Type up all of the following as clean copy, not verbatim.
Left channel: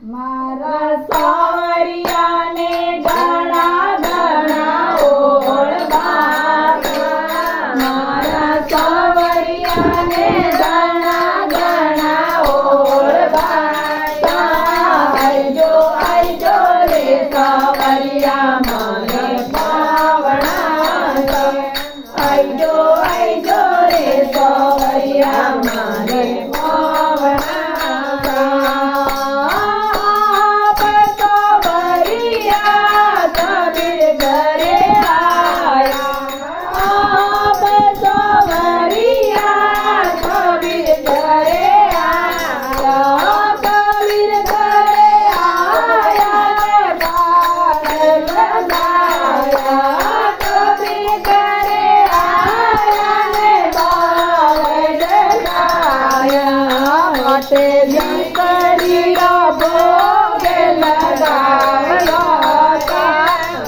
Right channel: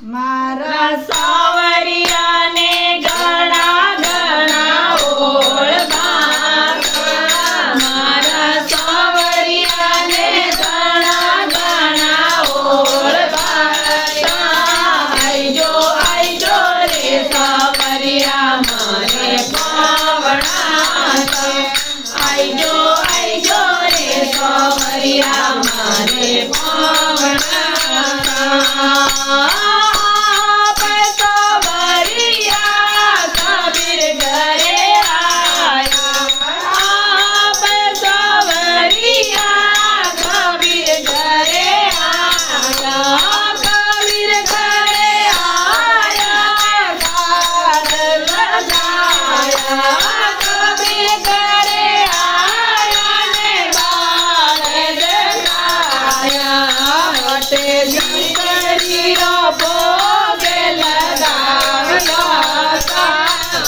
મારા સાવરિયાને ઘણા ઘણા ઓળખાતા મારા સાવરિયાને ઘણા ઘણા ઓળખાતા આઈજો આઈજો રે સાવરિયા મને પાવણા આઈજો આઈજો રે સાવરિયા મને પાવણા દીકરીનો ભોગ લગાવ્યો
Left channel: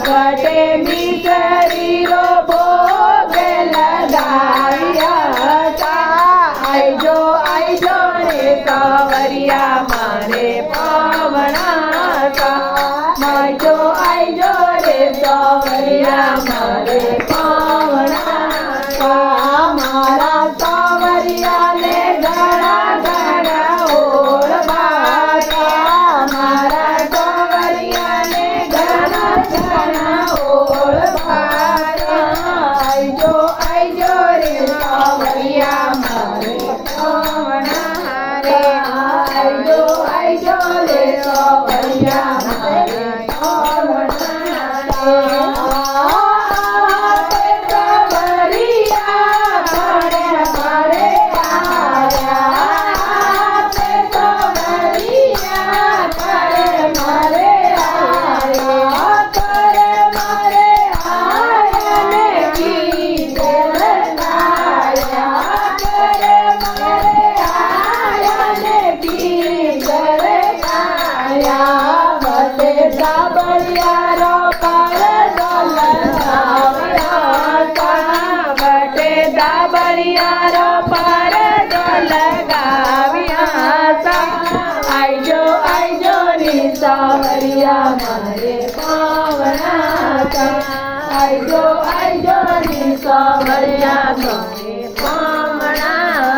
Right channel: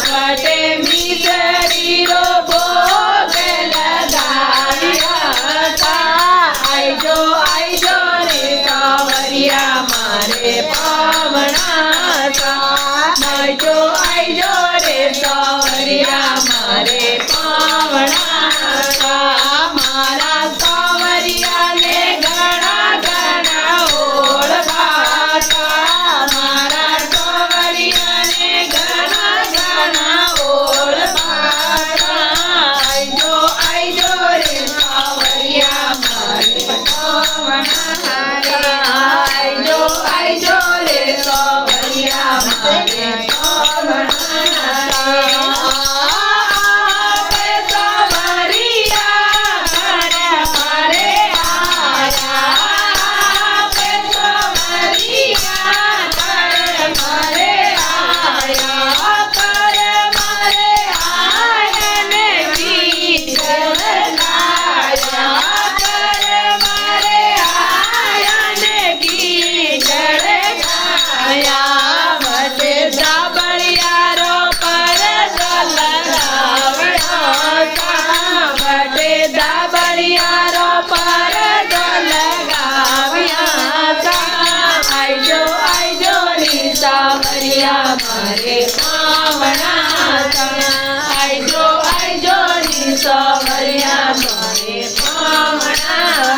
વટે મિસરીનો ભોગ લગાવ્યા આઈજો આઈજો રે સાવરિયા મારે પામણા આઈજો આઈજો રે સાવરિયા મારે પામણા મારા સાવરિયાને ઘણા સાવરિયા મારે પાવણા આઈજો આઈજો ની સાવરિયા મારે પાવણા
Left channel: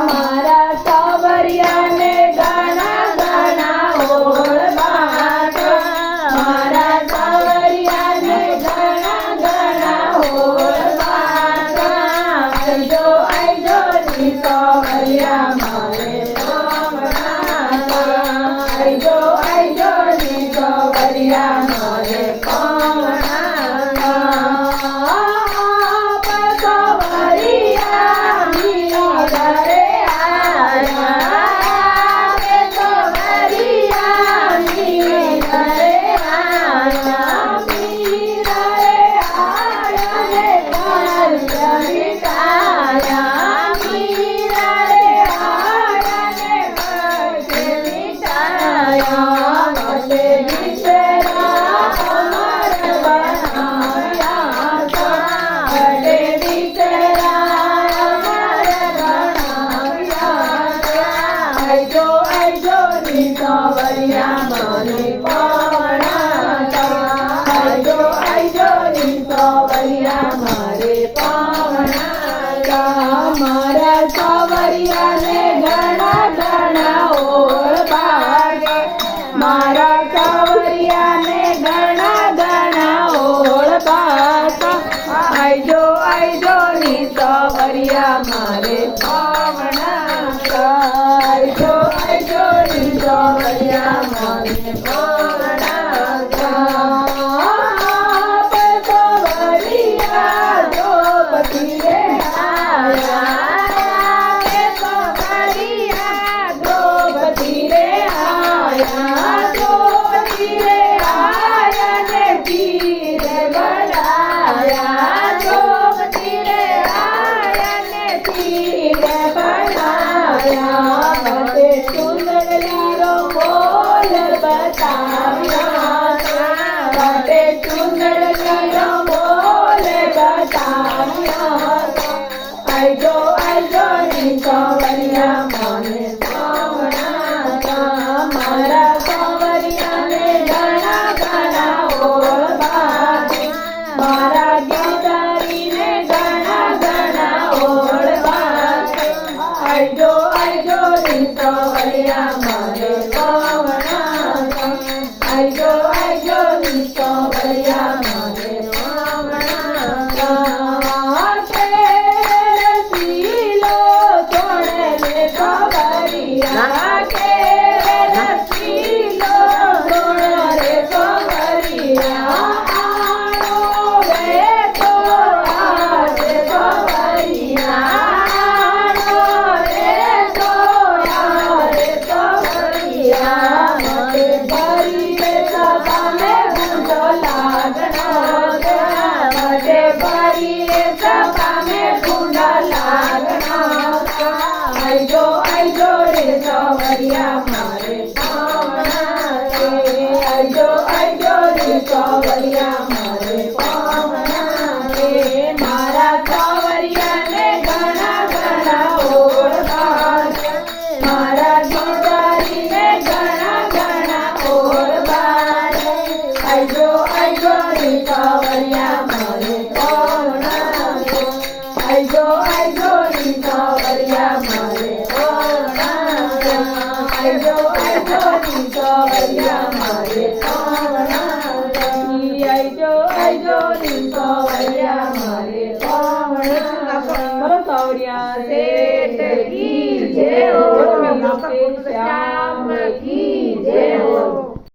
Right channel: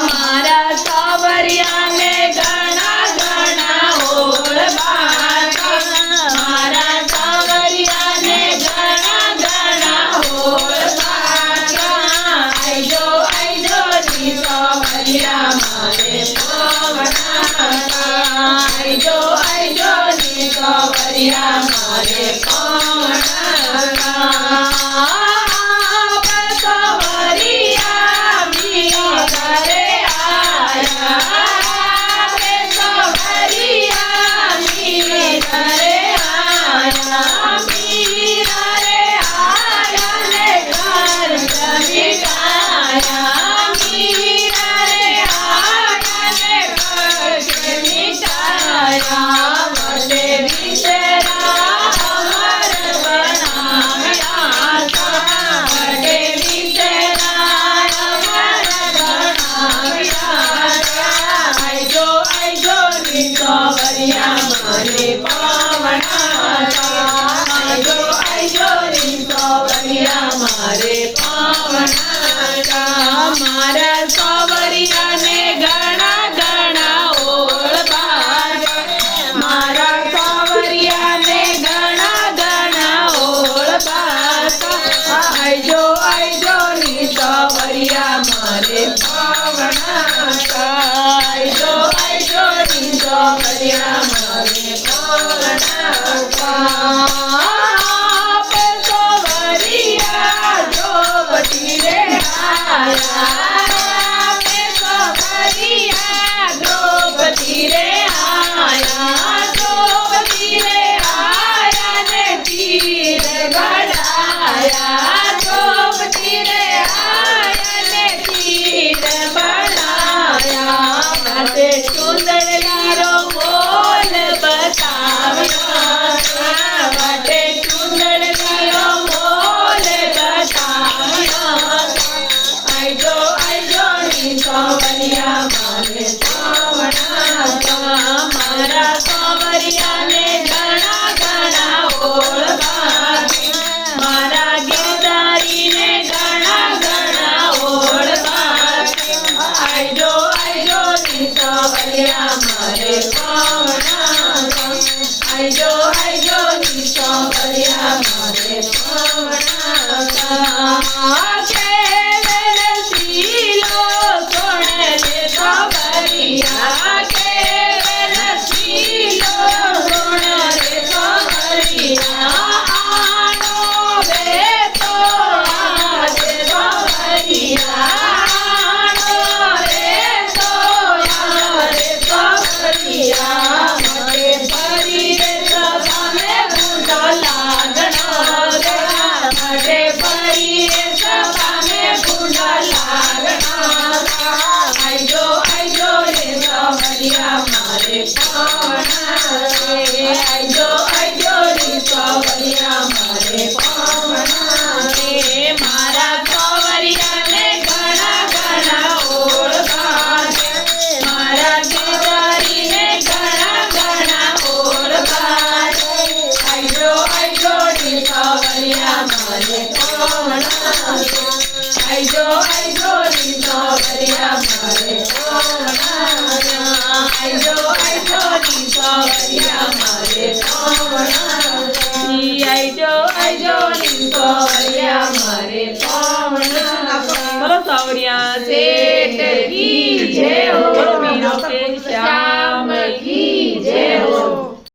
મારા સાવરિયાને ઘણા ઘણા ઓળખાતા મારા સાવરિયાને ઘણા ઘણા ઓળખાતા આઈજો આઈજો ની સાવરિયા મારે પાવણા આઈજો સાવરિયા મારે સાવરિયા મી ઘરે આયા સાવરિયા મી ઘરે આયા મી ઘરે આયા ને ઘર મીઠાયા મી ઘરે આયા ને ઘર મીઠાયા સાવરિયા મને પાવણા આઈજો આઈજો રી સાવરિયા મારે પાવણા મારા સાવરિયાને ઘણા ઘણા ઓળખાતા મારા સાવરિયાને ઘણા ઘણા ઓળખાતા આઈજો આઈજો રી સાવરિયા મારે પાવણા આઈજો આઈજો રી સાવરિયા મારે